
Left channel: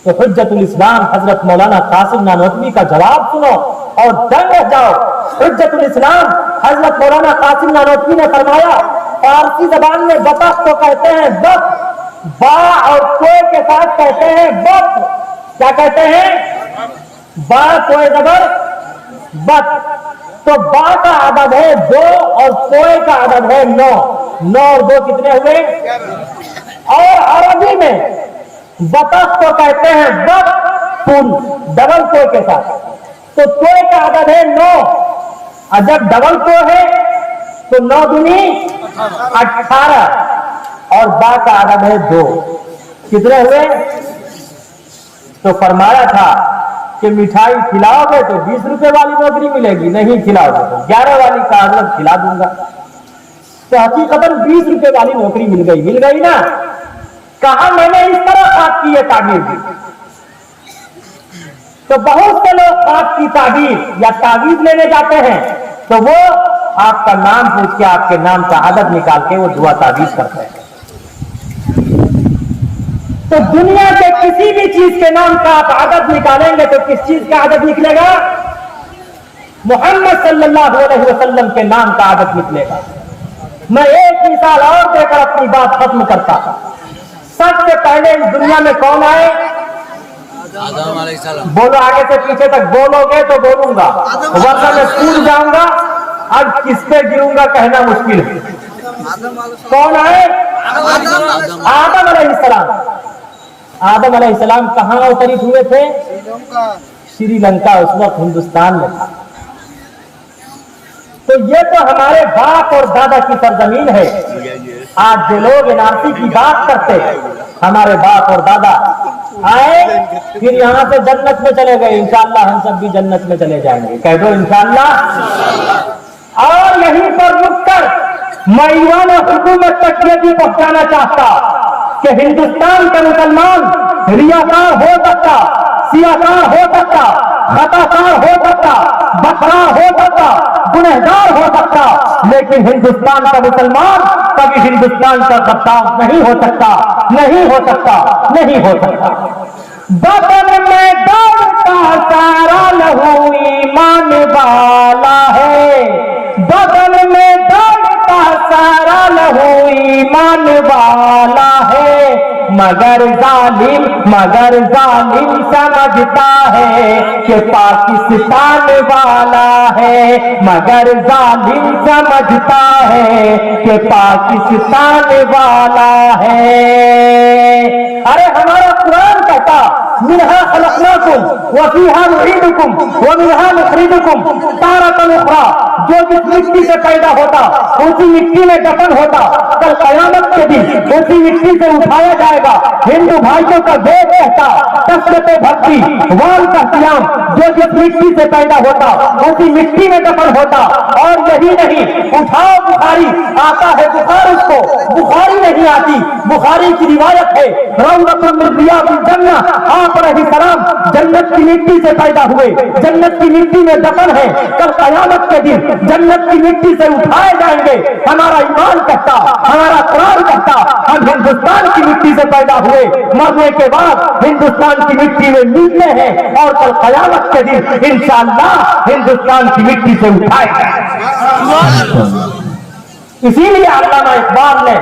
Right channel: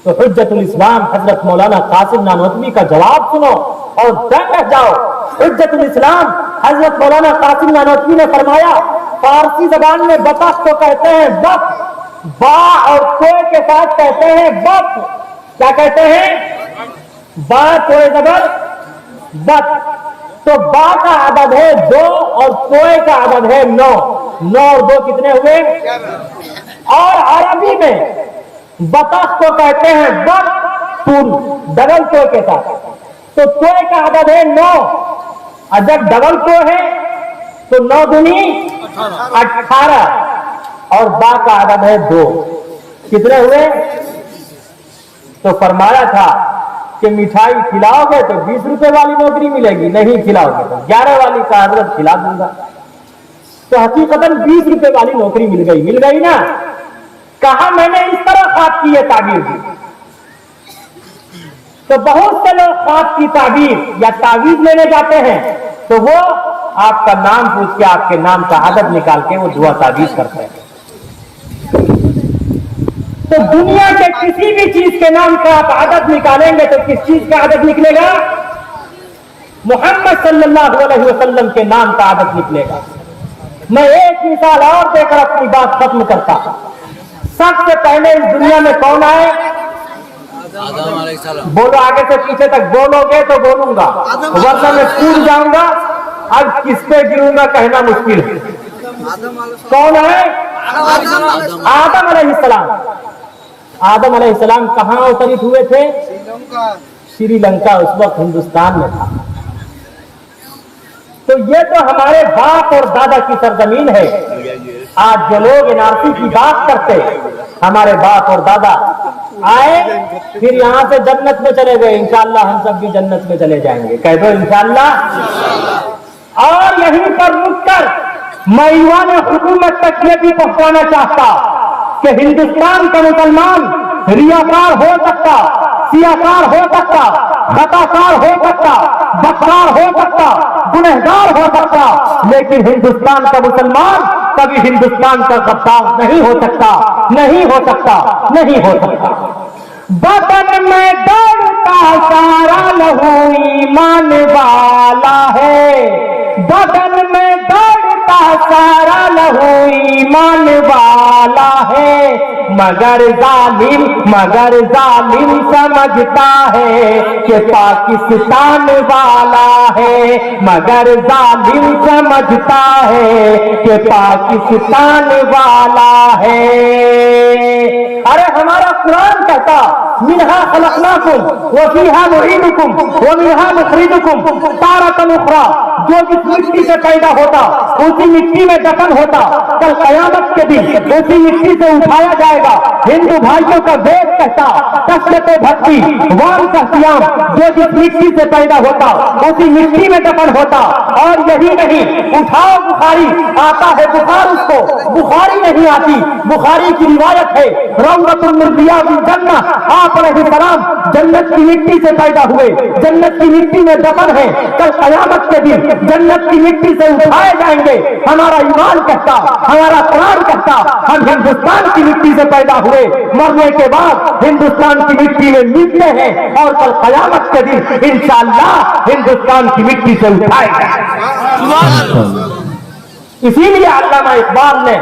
تو حجت الاسلام حضرت مولانا قاسم نانوتوی کا جواب سنو اور دنگ رہ جاؤ. حجت الاسلام حضرت مولانا قاسم نانوتوی نے فرمایا فارسی زبان میں بطخ کو کہتے ہیں بط, با اور کو کے ساتھ کہتے ہیں بط. کیا کہتے ہیں؟ با کوئے زبر بط. تو با کا عدد ہے 2 اور کوئے کا عدد ہے 9. 9 اور 2 کتنے ہوئے؟ اور عربی میں بطخ کو کہتے ہیں بط پن, ڈبل کو کے ساتھ. تو کوئے کا عدد ہے 9, اور جب ڈبل کو ہے تو 9 دنی 18, اور با کا عدد ہے 2. کتنے ہوئے؟ تو فرمایا تھا کہ مٹھائی کھلاؤ گے تو 20 روپے والی نوکری ملے گی, نہیں کھلاؤ گے تو 11 والی کا حضرت کھلا دوں گا. تو حقیقتاً 20 روپے والی نوکری مل گئی نا. کہا میں نے اس طرح خواب کی یہ تعبیر دی. تو بہت سے لوگ خاص کی تعبیر یا تعویذ لینے جاتے ہیں تو وہ آپ کا نام پوچھ کے آپ کے نام کا عدد نکال کے وہ دعا تعویذ کرتے ہیں. تو دنیا کے کسی بھی چیز کے نام کا آپ عدد نکالیں گے تو کس چیز کا عدد نکلے گا؟ محمد صلی اللہ علیہ وسلم کے نام کا عدد نکلے گا. میں ایک مثال اور دے کر اپنی بات ختم کرتا ہوں. سب سے پہلے اس دنیا میں کون آئے؟ آدم علیہ السلام. بولو آگے سے پیچھے تک بولو گے تو بولوں گا, ورنہ میں اسکول جاؤں گا. اب کس پہ گروں گا کہنا مشکل ہے. کون آئے؟ آدم علیہ السلام. آدم علیہ السلام کہاں اوترت ہوئے تھے؟ سری لنکا, اس وقت ہندوستان میں تھا. تو یہ تو ہمارے باپ اور دادا کی سرزمین ہے. آج جو لوگ NRC کی بات کرتے, ہمارے باپ اور دادا آئے پھر یہاں سے جنت میں چلے گئے. انشاءاللہ ہم سب بھی جنت میں چلے جائیں گے. کہہ دو انشاءاللہ. اور یہیں پر رک کر میں ایوان حکومت تک یہ بھی پہنچانا چاہتا کہ ہندوستان کا مسلمان ریاکار ہو سکتا, سیاکار ہو سکتا, خطاکار ہو سکتا, بدکار ہو سکتا, گنہگار ہو سکتا, لیکن ہندوستان کا مسلمان کبھی ہندوستان کا غدار نہیں ہو سکتا, نہیں ہو سکتا, نہیں ہو سکتا. بدن میں دوڑتا سارا لہو ایمان والا ہے, بدن میں دوڑتا سارا لہو ایمان والا ہے, مگر ظالم سمجھتا ہے کہ پاکستان والا ہے, مگر ظالم سمجھتا ہے کہ پاکستان والا ہے. ارے ہمارا قرآن کہتا منہا خلقناکم وفیہا نعیدکم ومنہا نخرجکم تارۃ اخری. جو جس مٹی سے پیدا ہوتا اسی مٹی میں دفن ہوتا, کل قیامت کے دن اسی مٹی سے اٹھایا جائے گا. ہندو بھائیوں کا وید کہتا کثرت بھکتی وال کا قیام, جو جس مٹی سے پیدا ہوتا اسی مٹی میں دفن ہوتا. اور یہی نہیں, اٹھاؤ بخاری آتا ہے بخار, اس کو بخاری نہیں آتی. بخاری کی روایت ہے روضۃ من ریاض الجنہ, آپ علیہ السلام جنت کی مٹی سے پیدا ہوئے, جنت کی مٹی میں دفن ہے. کل قیامت کے دن جنت کی مٹی سے اٹھائے جائیں گے. ہمارا ایمان کہتا, ہمارا قرآن کہتا ہم ہندوستان کی مٹی سے پیدا ہوئے, مرنے کے بعد ہندوستان کی مٹی میں ملتے ہیں اور کل قیامت کے دن انشاءاللہ ہندوستان کی مٹی سے اٹھائے جائیں. اسی لیے علامہ اقبال نے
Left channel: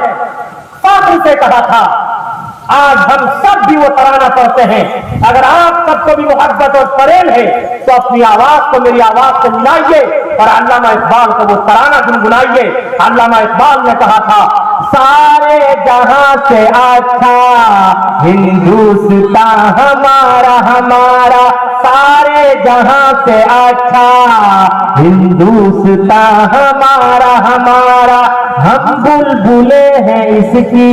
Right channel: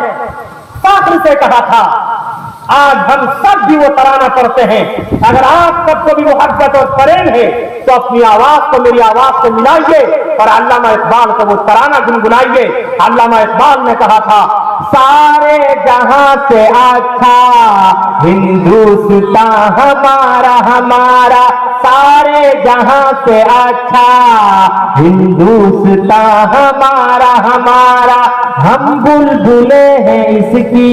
فخر سے کہا تھا, آج ہم سب بھی وہ ترانہ پڑھتے ہیں. اگر آپ سب کو بھی محبت اور پریم ہے تو اپنی آواز کو میری آواز سے ملائیے اور علامہ اقبال کو وہ ترانہ گنگنائیے. علامہ اقبال نے کہا تھا سارے جہاں سے اچھا ہندوستان ہمارا, ہمارا سارے جہاں سے اچھا ہندوستان ہمارا, ہمارا. ہم بلبلے ہیں اس کی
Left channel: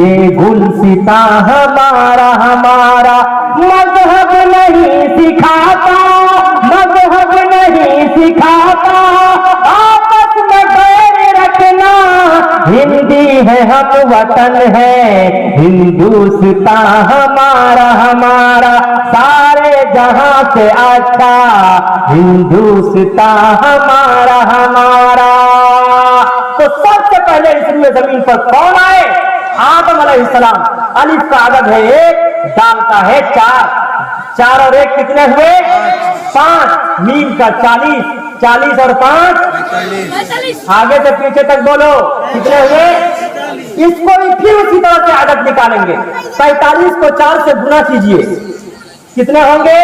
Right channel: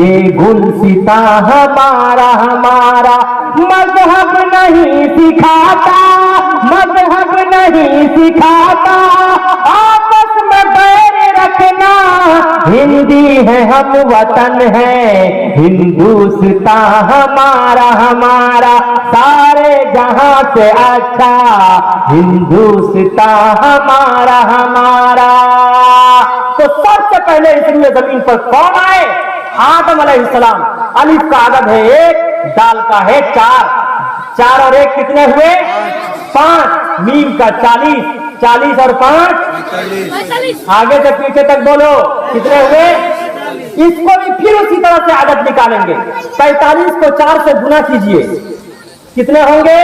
یہ گلستاں ہمارا, ہمارا. مذہب نہیں سکھاتا, مذہب نہیں سکھاتا آپس میں بیر رکھنا, ہندی ہے ہم وطن ہے ہندوستان ہمارا, ہمارا. سارے جہاں سے اچھا ہندوستان ہمارا, ہمارا. تو سب سے پہلے اس روئے زمین پر کون آئے؟ آدم علیہ السلام. الف کا عدد ہے 1, دال کا ہے 4, 4 اور 1 کتنے ہوئے؟ 5. میم کا 40, 40 اور 5 آگے سے پیچھے تک بولو کتنے ہوئے؟ اس کو بھی پھر اسی طرح سے عدد نکالیں گے. 45 کو 4 سے گنا کیجئے, کتنے ہوں گے؟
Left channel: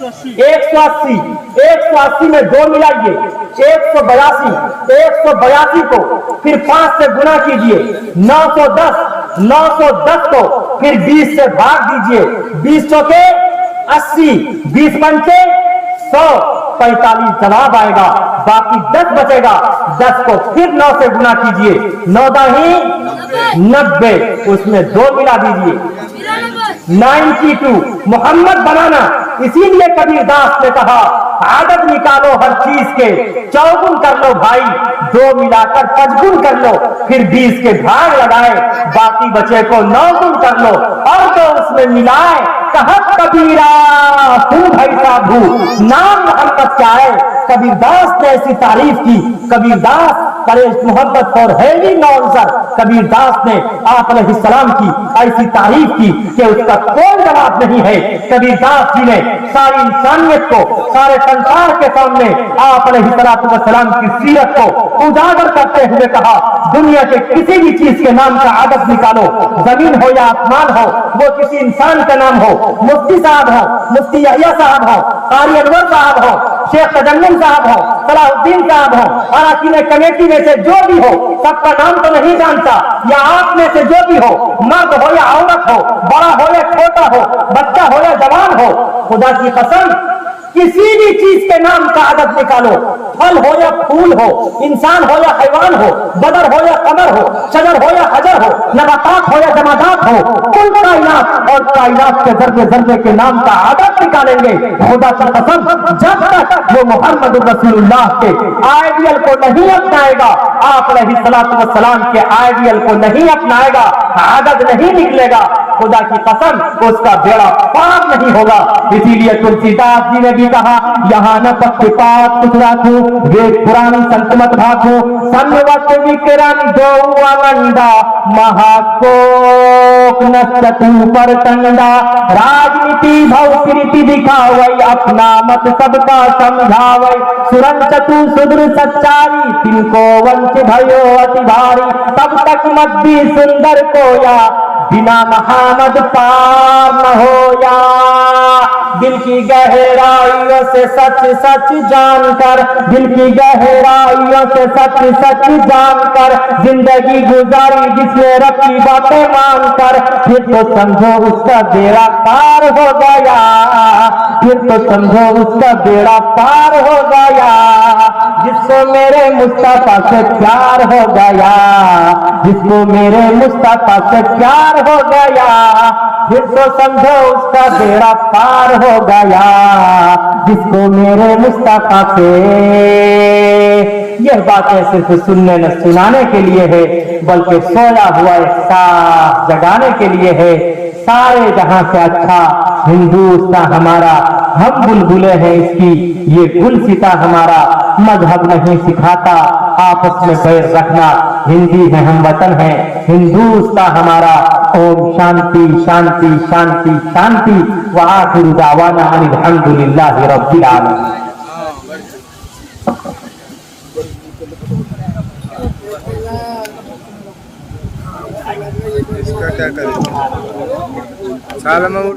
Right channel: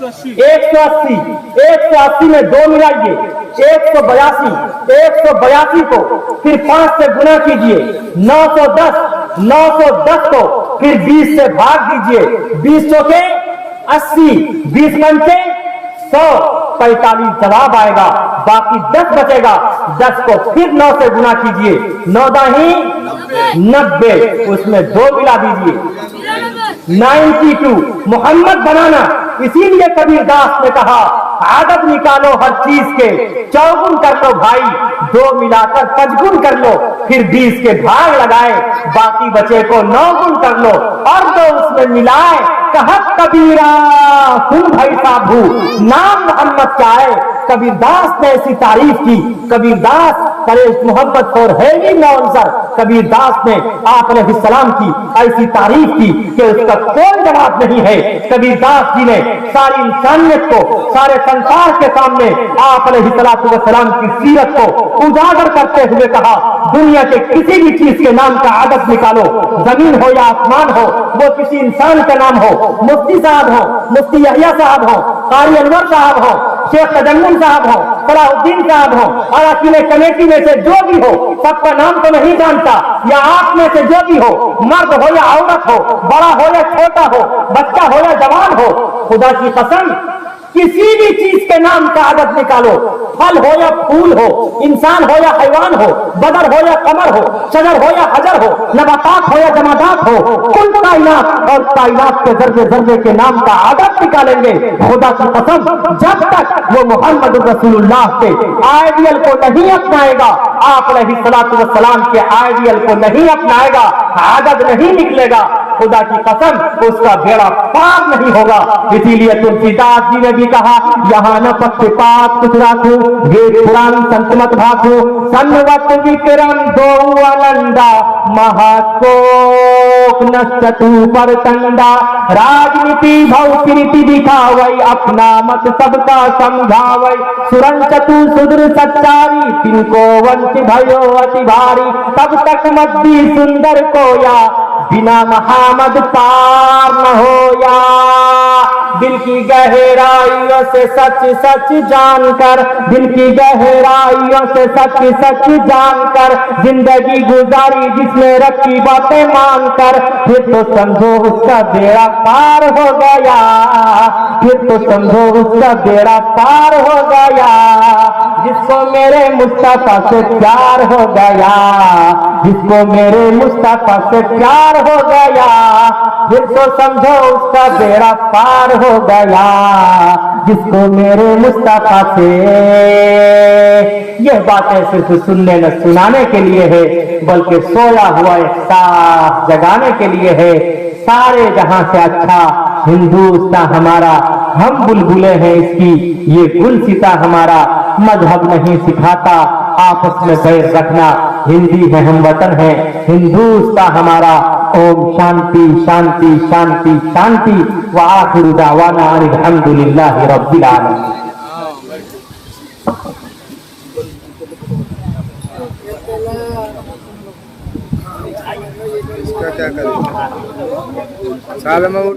180. 180 میں 2 ملائیے 182. 182 کو پھر 5 سے گنا کیجئے 910. 910 کو پھر 20 سے بھاگ دیجئے, 20 چوکے 80, 20 پنچے 100. 45 جواب آئے گا, باقی 10 بچے گا. 10 کو پھر 9 سے گنا کیجئے, 9 داہی 90, اس میں 2 ملا دیجئے 92. محمد بنانا. اسی لیے کبیر داس نے کہا आदत निकालो हर चीज के, चौगुन कर लो भाई, 2 मिलाकर 5 गुण कर लो, फिर 20 के भाग लगाए, बाकी बचे को 9 गुण कर लो और 2 उसमें मिलाए। कहत कबीरा सुन भाई साहू, नाम मोहम्मद क्या है। कबीरदास ने ऐसी तारीफ की, कबीरदास करे मोहब्बत और हैवी नौसर, कबीरदास ने आप अलैहिस्सलाम की ऐसी तारीफ की कि उसका कोई जवाब नहीं है। कबीरदास जी ने सारी इंसानियत को, सारे संसार के सामने आप अलैहिस्सलाम की सीरत को उजागर करते हुए कहा, दुनिया के किसी भी चीज के नाम का आदत निकालो, जमीन हो या आसमान हो, वो किसी इंसान का नाम हो, मुफ्ती साहब हो, मुफ्ती यहिया साहब हो, कारी अनवर साहब हो, शेख तजन्नुम साहब हो, सलाहुद्दीन साहब हो, अराकीन कमेटी में से जो भी हो, सबका नाम तो नहीं जानता, या आप में से जो भी हो, मर्द हो या औरत हो, बड़ा हो या छोटा हो, बच्चा हो या जवान हो, खुदा की कसम किसी भी चीज के नाम का आदत निकालो, फल हो या फूल हो, इंसान हो या हैवान हो, बदर हो या कमर हो, शजर हो या हजर हो, नबातात हो या जमादात हो, कुल कायनात और कायनात के जर्रे जर्रे के नाम का आदत निकालेंगे। खुदा की कसम जब तक वो मोहम्मद रसूलुल्लाह के आइडियल को नहीं अपनाएगा, आप अलैहिस्सलातु वस्सलाम के आइडियल को नहीं अपनाएगा, आदत नहीं निकलेगा, खुदा की कसम उसका बेड़ा पार नहीं होगा। इसीलिए तुलसीदास जी ने भी कहा, यहाँ न पक्षपात कुछ राखो, वेद पुराण संत मत भाखो, सन्वत विक्रम दो आनंदा, महाकोक नस्तु पर कंडा, राजनीति भौकृति दिखावै, अपना मत सबका समझावै, सुरन चतु सुदृ सच्चारी, तिनको वंश भयो अति भारी, तब तक नब्बी सुंदर कोया, बिना महामद पार न होया। दिल की गहराइयों से सच सच जानकर, दिल की गहराइयों से सच सच जानकर, जिंदगी गुजारी जिसने रखी बातें मानकर, फिर तो समझो उसका बेड़ा पार हो गया, फिर तो समझो उसका बेड़ा पार हो गया। जिसको मेरे मुस्तफा से प्यार हो गया, जिसको मेरे मुस्तफा से प्यार हो गया, फिर तो समझो उसका बेड़ा पार हो गया। जिसको मेरे मुस्तफा से, यह बातें सिर्फ सुनने न सुनाने के लिए है, बल्कि सोया हुआ एक साथ जगाने के लिए है। सारे जहां से अच्छा हिंदुस्तान हमारा, हम बुलबुले हैं इसकी, ये गुलसिता हमारा, मजहब नहीं सिखाता आपस में बैर रखना, हिंदी है हम वतन है, हिंदुस्तान हमारा। ओम शांति शांति शांति शांति व आखिरु दावाना अनिल हम्दुलिल्लाहि रब्बिल आलमीन। इसका क्या करें? साल में